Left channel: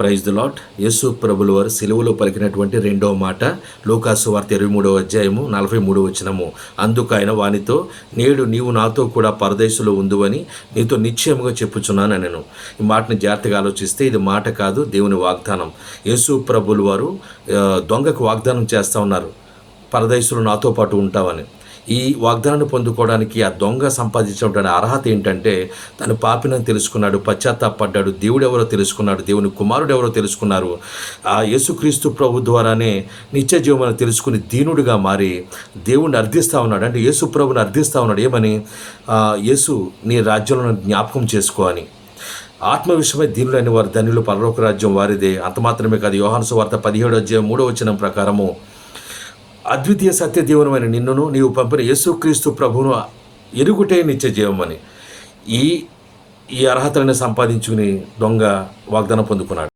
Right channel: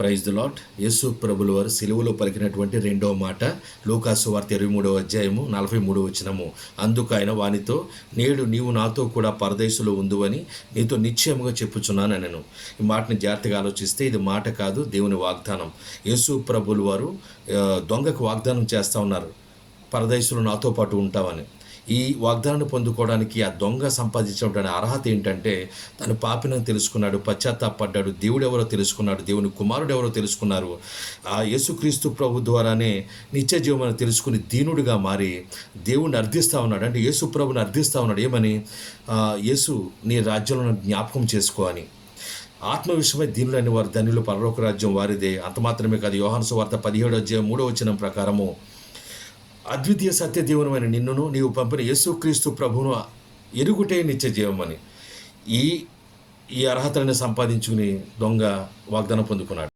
Praise the lord. యేసు ప్రభుల వారు సిలువలో పలికినటువంటి రెండవ మాట లూకాసు వార్త 23వ అధ్యాయము 43వ వచనము. అందుకు ఆయన వానితో, నేడు నీవు నాతో కూడా పరదేశంలో ఉందువని నీతో నిశ్చయముగా చెప్పుచున్నాను నేను. ఈ మాటని జాగ్రత్తగా ఆలోచిస్తే ఇది మాట కాదు, దేవుని వాగ్దానం. యేసు ప్రభుల వారు దొంగకు వాగ్దానం చేస్తూ ఉన్నారు, పరదేశంలో నాతో పాటు ఉంటావని. ఈ వాగ్దానాన్ని పొందుకోవడానికి ఆ దొంగ సంపాదించినటువంటి అర్హత ఏంటంటే, తను పాపినని తెలుసుకున్నాడు, పశ్చాత్తాపడ్డాడు, దేవుడు ఎవరో తెలుసుకున్నాడు, దేవుని కుమారుడు ఎవరో తెలుసుకున్నారు. ఆ యేసుక్రీస్తు ప్రభు ద్వారానే నిత్య జీవమని తెలుసుకుని దీనుడిగా మారి దేవుణ్ణి అర్థిస్తూ ఉన్నాడు. అంటే యేసు ప్రభుని అర్థిస్తూ ఉన్నాడు. ఏమని? యేసు నీ రాజ్యంలో జ్ఞాపకం చేసుకో అని. ఆత్మ విషయమై దీనులైన వారు ధన్యులు, పరలోక రాజ్యం వారిదే. అంత మాత్రమే కాదు, యోహాను సువార్త 17వ అధ్యాయం 3వ వచనం ప్రకారము, అద్వితీయ సత్యదేవునమైన నిన్నును నీవు పంపిన యేసుక్రీస్తు ప్రభువును ఎరుగుటే నిత్య జీవమని. ఈ అర్హతలను సంపాదించుకుని దొంగ వాగ్దానం పొందుకున్నాడు.